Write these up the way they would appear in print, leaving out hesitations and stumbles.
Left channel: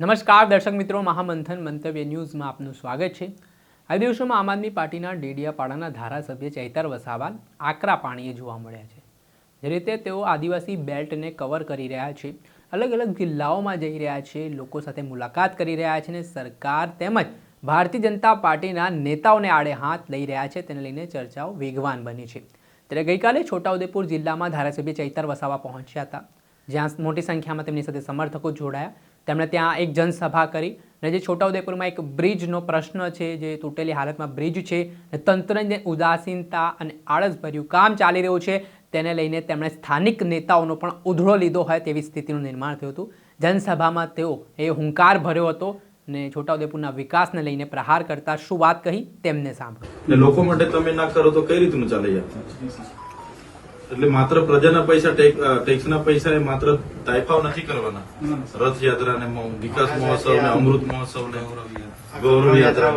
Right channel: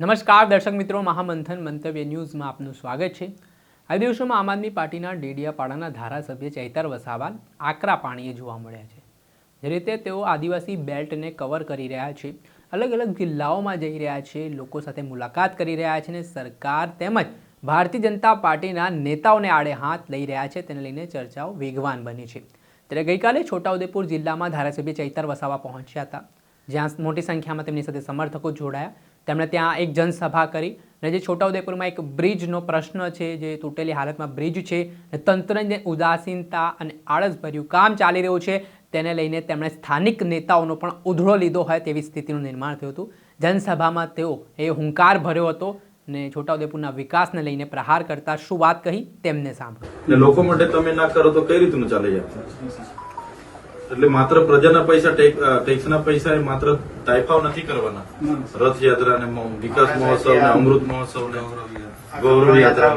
નમસ્કાર દર્શક મિત્રો, મહામંથન મંતવ્ય ન્યૂઝમાં આપનું સ્વાગત છે। આ દિવસોમાં આમ આદમી પાર્ટીના ડેડિયાપાડાના ધારાસભ્ય ચૈતર વસાવા આકરા પાણીએ જોવા મળ્યા છે। જે રીતે તેઓ આદિવાસી બેલ્ટને કવર કરી રહ્યા છે, અલગ અલગ જિલ્લાઓમાં જઈ રહ્યા છે, લોકો સાથે મુલાકાત કરી રહ્યા છે અને સરકાર તેમજ ભારતીય જનતા પાર્ટીના નેતાઓને આડે હાથ લઈ રહ્યા છે, તેને લઈને ચર્ચાઓ વેગવાન બની છે। ત્યારે ગઈકાલે છોટાઉદેપુર જિલ્લામાં ધારાસભ્ય ચૈતર વસાવા પહોંચ્યા હતા, જ્યાં મોટી સંખ્યામાં તેમની સાથે સમર્થકો જોડાયા। તેમણે ત્યાં એક જનસભા કરી અને જે છોટાઉદેપુરમાં એક બ્રિજનો પ્રશ્ન છે, જે તૂટેલી હાલતમાં બ્રિજ છે, તંત્રની ઉદાસીનતા અને આળસભર્યું કામ ચાલી રહ્યું છે, તેને લઈને તેમણે સ્થાનિક નેતાઓનો પણ ઉધળો લીધો હોય તેવી સ્થિતિનું નિર્માણ થયું હતું। જનસભામાં તેઓ હુંકાર ભર્યો હતો અને છોટાઉદેપુરના વિકાસને લઈને પ્રહાર કરતા શું વાત કહી તેમને સાંભળો। લોકો માટે તમે ના કરો તો કઈ રીતનું ચાલે? એટલે માત્ર પ્રજાના પૈસા, ટેક્સના પૈસા એ માત્ર તાઇફાઓ નથી કરવાના। રથયાત્રા ને વિકાસ મહોત્સવ ને અમૃત મહોત્સવ ને ગૌરવ યાત્રા,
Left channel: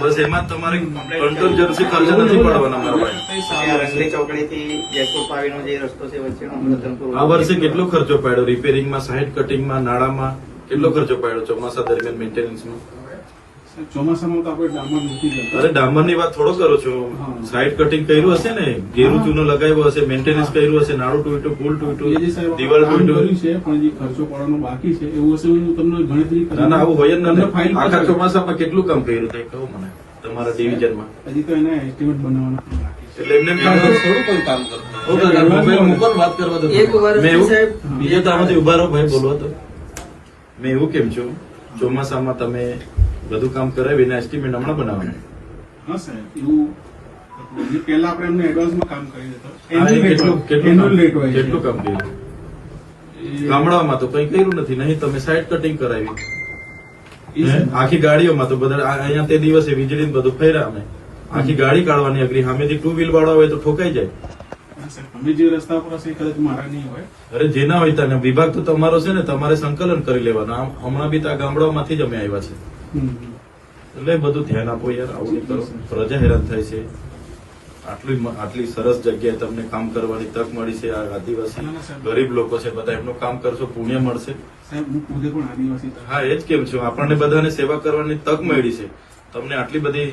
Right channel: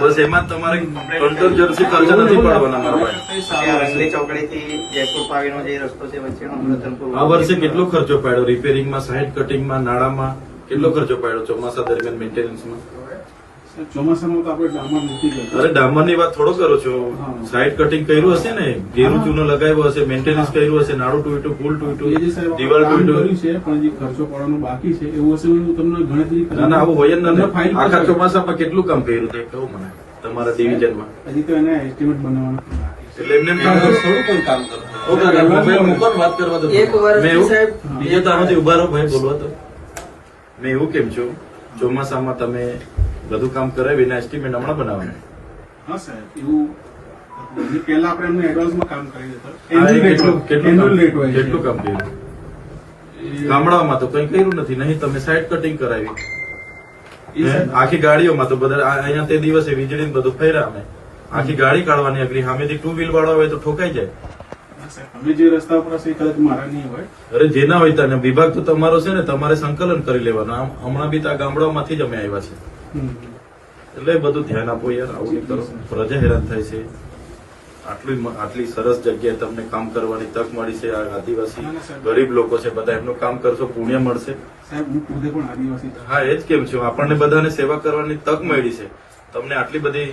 બસ એમાં તમારે કંટ્રોલ જર્સી ખર્ચ નથી પાડવાના। આ વર્ષે કેટલો ખર્ચો પાડ્યો રિપેરિંગમાં, સાઇડ કટિંગમાં, નાણાંમાં કેટલો ખર્ચો પાડ્યો ચોમાસા દરમિયાન મેન્ટેનન્સમાં? ચોમાસામાં તો આપણે ડામર નથી કરતા। અરે ડામર ની વાત થોડો કરો છો, સાઇડ કટિંગ કર્યું હશે ને, ઘેરું ચૂનો લગાવ્યો હશે, મેન્ટેનન્સ કર્યું હશે, નાડું ટૂટ્યું, પુલ તૂટ્યું, દિવાલ તૂટ્યું છે, પણ જે ખર્ચો પડવાનો બાકી છે એવું હશે તમને ગણતરી ના આવું હોય જ નથી। આખા ચોમાસામાં કેટલું કામ કર્યું તે કહું મને તમારા ડિવિઝનમાં? હજી તો એને એસ્ટિમેટ બનાવવાનું એટલે એમને થોડું પણ કામ કરવું વાત કરવા દો। બીજે તો આમાંથી ઉભા રહો ભાઈ, બોલવા તો મેં એવું કેમ છું, ચોમાસામાં તમે બધું કામ કરાવીને એસ્ટિમેટ હમણાં બનાવવાનું? હા સાહેબ, એવું પહેલા આપણે એમને એડવાન્સમાં કામ કરી દેતા। કેટલું કામ કર્યું ગામડાઓમાં? તો કઈ કર્યું નથી, નહીં તમે સાઇડ કટિંગ કરાવી આખી ગાડીઓમાં તો બધા અહીંયા તે દિવસે વીજળી બધું ફેર્યા અમે આખી ગાડી કાઢવાની અઘરી, સામેથી ટુ વ્હીલ વાળા હોય તો ઠોકાઈ જાય। અમે જે રસ્તા પર હશે કદાચ મારા નહીં હોય, અરે જેના હોય ત્યાં વિભાગ તો તમારો છે ને, તમારે સંકલન કરી લેવાનું। હમણાં બી આ ગામડાઓમાંથી જ અમે આવ્યા છે, એટલે બધું ધ્યાન આપો યાર, આવું કરો, પ્રજા હેરાન થાય છે। આટલી સરસ જગ્યાએ તમને કામ કરવાની તક મળી છે, આ આદિવાસી ગરીબ લોકો છે બધા, એમનું કામ કરશો પુણ્ય મળશે સાહેબ। હું ખુદે પણ આદિવાસી, હા એ જ કેમ છું, આપણને બધાને સેવા કરવાની તક મળી છે, તમને આટલી બધી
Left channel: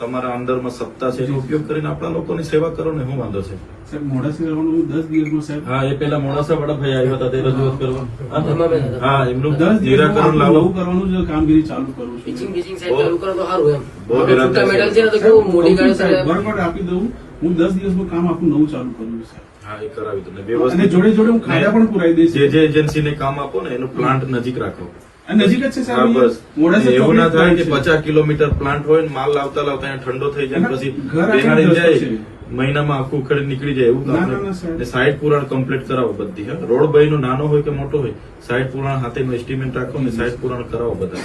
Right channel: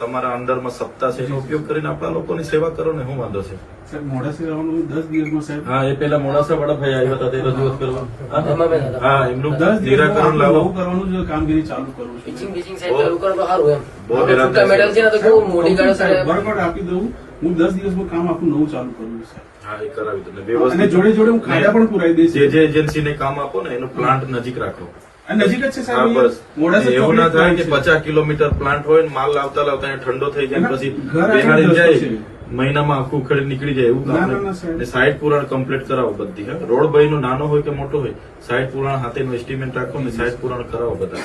તમારા અંદરમાં સત્તા છે, એનો ઉપયોગ કરીને આપણા લોકોની સેવા કરો ને, શું વાંધો છે? સાહેબ મોડાસા રહેવાનું 10 દિવસમાં સાહેબ। હા, એ પેલા મોડાસા વાળા ભાઈ આવ્યા હતા તે રજૂઆત કરવા, હા એમનું 10 નિરાકરણ લાવવું કરવાનું જ કામગીરી ચાલુ કરું છું। બરાબર આપી દઉં, હું 10 દિવસમાં કામ આખું નવું ચાલુ કરું છું સાહેબ। હા એ કરાવી દો, વ્યવસ્થિત જોડે જોડે હું ખાડા પણ પુરાઈ દઈશ। જે એજન્સીને કામ આપો ને એનો પ્લાન્ટ નજીક રાખો, નજીક જ છે સાહેબ। બસ મોડાસા એવું ના થાય કે 50 કિલોમીટર પ્લાન્ટ હોય ને માલ લાવતા લાવતા ઠંડો થઈ જાય, પછી બેમારી જાય, મહિનામાં આખું ઉખેડ નીકળી જાય, એવું કામ નહીં। સાઇડ પુરાણ કમ્પ્લીટ કરાવો બધી, રોડ ભાઈ નો નાનો હોય કે મોટો હોય, સાઇડ પુરાણ હાથેનું એસ્ટિમેટ રાખો ને સાઇડ પુરાણ કરાવો બધા,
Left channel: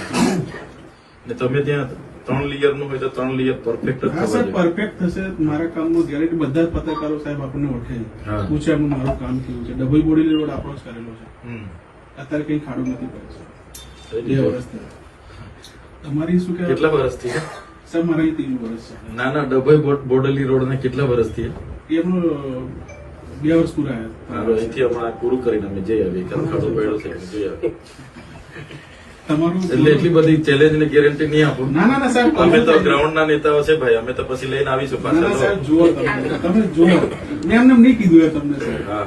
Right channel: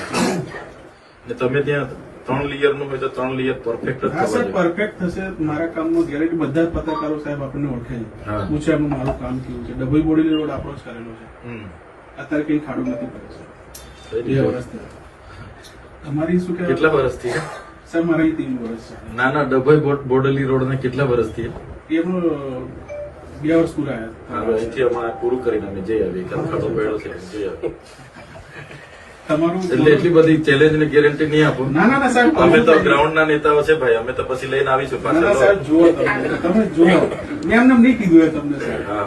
ને તમે ત્યાં 3 લેયર નું હોય તો 3 લેયર પરફેક્ટ જ થવા પરફેક્ટ થશે। મારા કામનું ગેરંટી બધા જ પત્રકારો સાહેબ આપણને ઓળખે છે, પૂછે આપણું મારું કામ કેવું છે। ડબલ બોડી રોડ આપણો જ કરેલો છે, અત્યારે કઈ ખાડું નથી પડે છે। 2 વર્ષ તમારી શું કે કેટલા વર્ષથી સાહેબ? મારા 3 વર્ષ છે। ના ડભોઈ બોડેલી રોડ ને કેટલા વર્ષથી? એમાં 2 વર્ષ પૂરા આવ્યા। અહીંથી હમણાં પૂરું કરીને અમે જઈ આવીએ, ખાડો પડ્યો છે જઈ આવીએ। તમારું એટલે એટલી બધી ચેલેન્જ ને ગેરંટી નહીં આપો। ના સાહેબ, અમે તો ગ્રાઉન્ડ ના નેતાઓ છે ભાઈ, અમે તો પછી લઈને આવીશું પાછા। સાહેબ જુઓ, તમે જુઓ, મેં એમને નહીં કીધું એ તમને સાહેબ। હા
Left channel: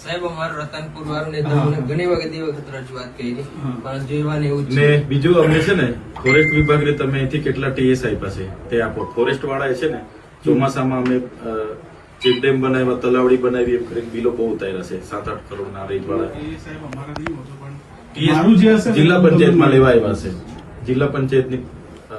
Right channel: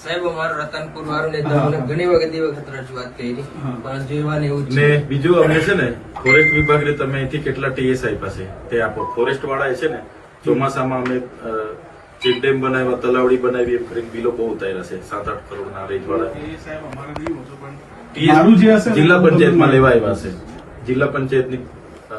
સાહેબ અમારા રતનપુર મારું નેતા ઘણી વખત રજૂઆત કરી, પણ જોવાનું એવું ને બીજું અમને છે ને ફોરેસ્ટ વિભાગને તમે અહીંથી કેટલા ટીએસ આપ્યા છે તે આપો। ફોરેસ્ટ વાળા છે ને ચોમાસામાં અમે ચેક ડેમ બનાવ્યા, તલાવડી બનાવી, એમ કરીને બિલો બહુ ઉતાર્યા છે, 7-8 કરોડના રેજ વાળા। એ સાહેબ અમારા નહીં હોતો, પણ જિલ્લા પંચાયતમાં લેવા આવ્યા છે, જિલ્લા પંચાયતની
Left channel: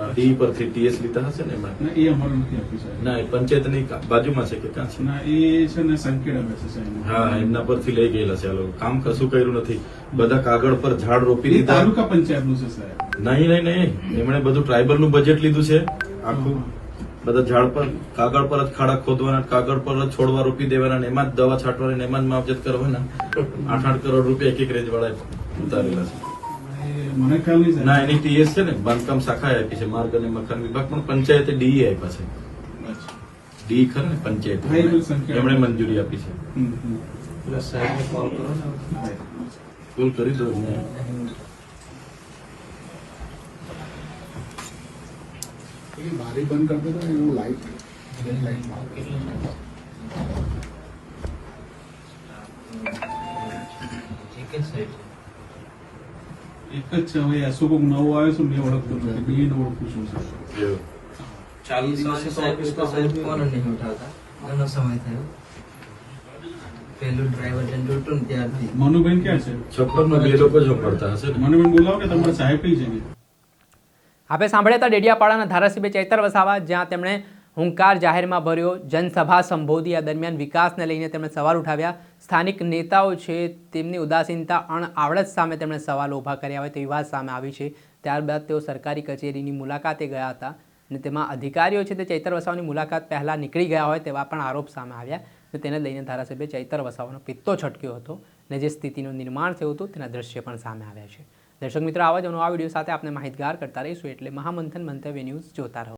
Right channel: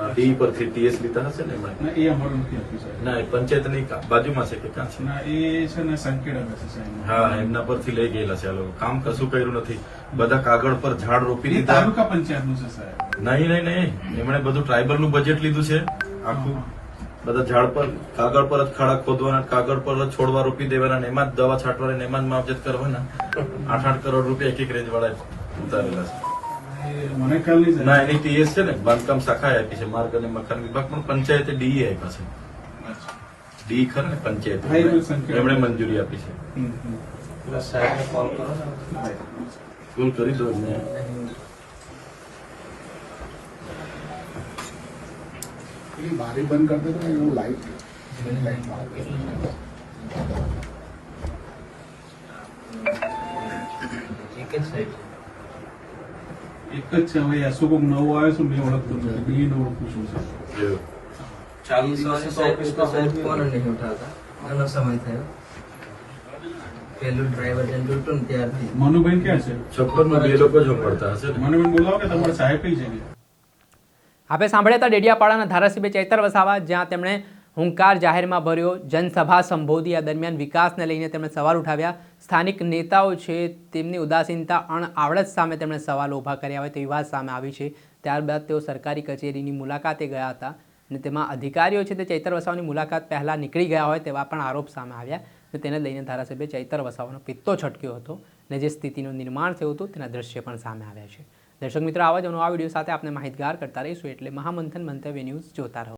ડી પરથી ટીએસ લીધા હશે ને એમાં? એ અમારું નથી આપ્યું સાહેબ। ના પંચાયતની બાજુમાં છે કે ક્યાં છે? ના એ છે ને સંકેડામાં છે સાહેબ। હા એમના પરથી લઈ ગયેલા છે આ લોકો, કામ કશું કર્યું નથી, બધા કાગળ પર ઝાડ રોપી એ દીધા। તાલુકા પંચાયતનું છે સાહેબ। નહીં એમણે બધું ટ્રાઇબલ નું બજેટ લીધું છે આખું, બધા ઝાડ પર કાગળ પર જ ખાડા ખોદવાના, કાગળ પર જ છોડવા રોપી દેવાના, એમાં જ દવા છાંટવાના, એમાં જ માવજત કરવાના। 8-8 કરોડ રૂપિયા એક રેન્જ વાળા ઉતારેલા છે। મને ખ્યાલ નહીં ના એની ટીએસ છે ને બાંધકામ શાખા આપી છે, માર્ગ અને મકાન વિભાગ પણ પંચાયતે ડીઈ આપ્યા છે, ડી ખરા ને પંચાયત, એમણે મંજૂરી આપી છે। પેલા સાહેબને કોલ કરો ને. કોલ કરી દો બારી બંધ કરતો હતો એવું લાઈટ એક જ સાહેબ એક જ છે હવે અશોક નવો આવ્યો છે મેં ઓળખતો નથી બે નો ઓળખું છું ચાલુ દિવસે સાહેબ ફોન નહીં ઉઠાવતા ઘણો સમય થયો પેલું ડ્રાઈવર જેમ લૂંટું ને ત્યારથી મનુબેન ક્યાં છે? છપ્પરમાં બે લોકો જ પડતા હશે ને મનુબેન બોલાવો કે તમારા સાહેબ કઈ છે? આપણે સાંભળ્યા હતા ડેડિયાપાડાના ધારાસભ્ય ચૈતર વસાવા, જ્યાં તેમણે હુંકાર જાહેરમાં ભર્યો, જનસભા સંબોધી. આ દરમિયાન વિકાસને લઈને તેમણે સવાલ ઉઠાવ્યા. સ્થાનિક નેતાઓ છે તેમની ઉદાસીનતા, અણઆવડત સામે તેમણે સવાલો ઊભા કર્યા હોય તેવી વાત સામે આવી છે. ત્યારબાદ તેઓ સરકારી કચેરીની મુલાકાતે ગયા હતા અને તેમાં અધિકારીઓ છે તે ચૈતર વસાવાની મુલાકાત પહેલાં નીકળી ગયા હોય તેવા પણ આરોપ સામે આવ્યા. અને તેને લઈને ધારાસભ્ય ચૈતર વસાવાનો પિત્તો છટક્યો હતો અને જે સ્થિતિનું નિર્માણ થયું હતું તેના દ્રશ્ય પણ સામે આવ્યા છે. દર્શક મિત્રો, આવા જ નવા વિડીયો સાથે આપણે માહિતગાર કરતા રહીશું, એટલે મહામંથન મંતવ્ય ન્યૂઝ જોતા રહો.